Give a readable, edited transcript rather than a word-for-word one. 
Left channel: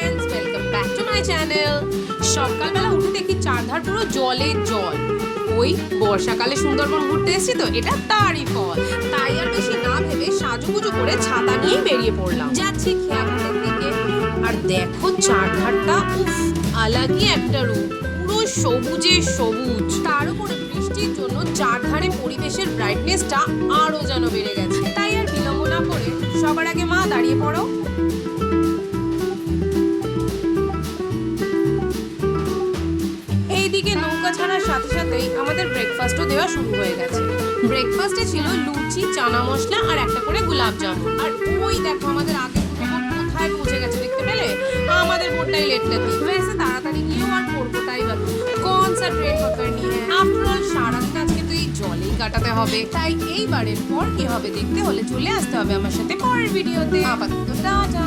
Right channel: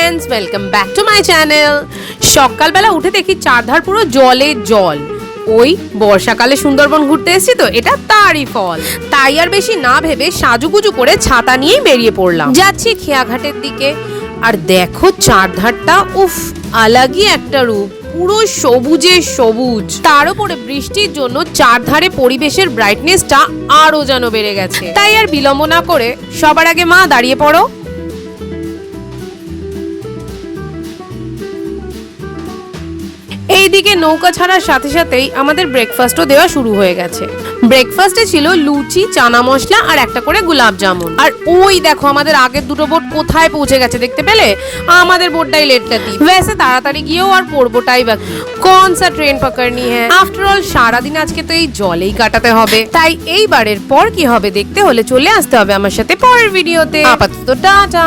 Friends, welcome back to my channel. সকালবেলা উঠে দেখি চারধার পুরো জলে জল। ওই বর্ষাকালে সুন্দরবন ঘুরতে এসেছি তো, এটা তারই ফল। তাই আর বেশি না ভেবে সাজুগুজু করে ছাতা নিয়ে বেরিয়ে পড়লাম। যাচ্ছি খেয়াঘাটের দিকে। আর দেখো চারধারটা, উফ, আলাগই একটা রূপ, পুরো সবুজে সবুজ। তার উপরে বৃষ্টির জন্য চারধারে পরিবেশের ব্রাইটনেসটা আরো যেন বেড়ে গেছে। তাই আর বিলম্ব না করে সবার আগে মা দাঁড়িয়ে পড়ো। এইদিকে নৌকা ছাড়ার সাথে সাথেই আমাদের ব্রেকফাস্টও দেওয়া শুরু হয়ে গেছে। ব্রেকফাস্টে ছিল লুচি, চানা মশলা আর একটা করে গোলাপ জামুন। আর ওই দেখো আমাদের আগের দুটো বোট কোথায় পৌঁছে গেছে দেখতে পেলে? আমাদের বোটটাই লেট করতি। वैसे তাড়াতাড়ি গিয়েও আর পড়বোটাই বাকি। কোন সা ট্রেন পকড়নি है? আফটার অল সারাদিন আজকে তো এই জলেই কাটাতে হবে। তাই এইবারের পর কি হবে দেখতে হলে চলে আসতে হবে আমার সাথে পরের ভিডিওতে। আপাতত টাটা।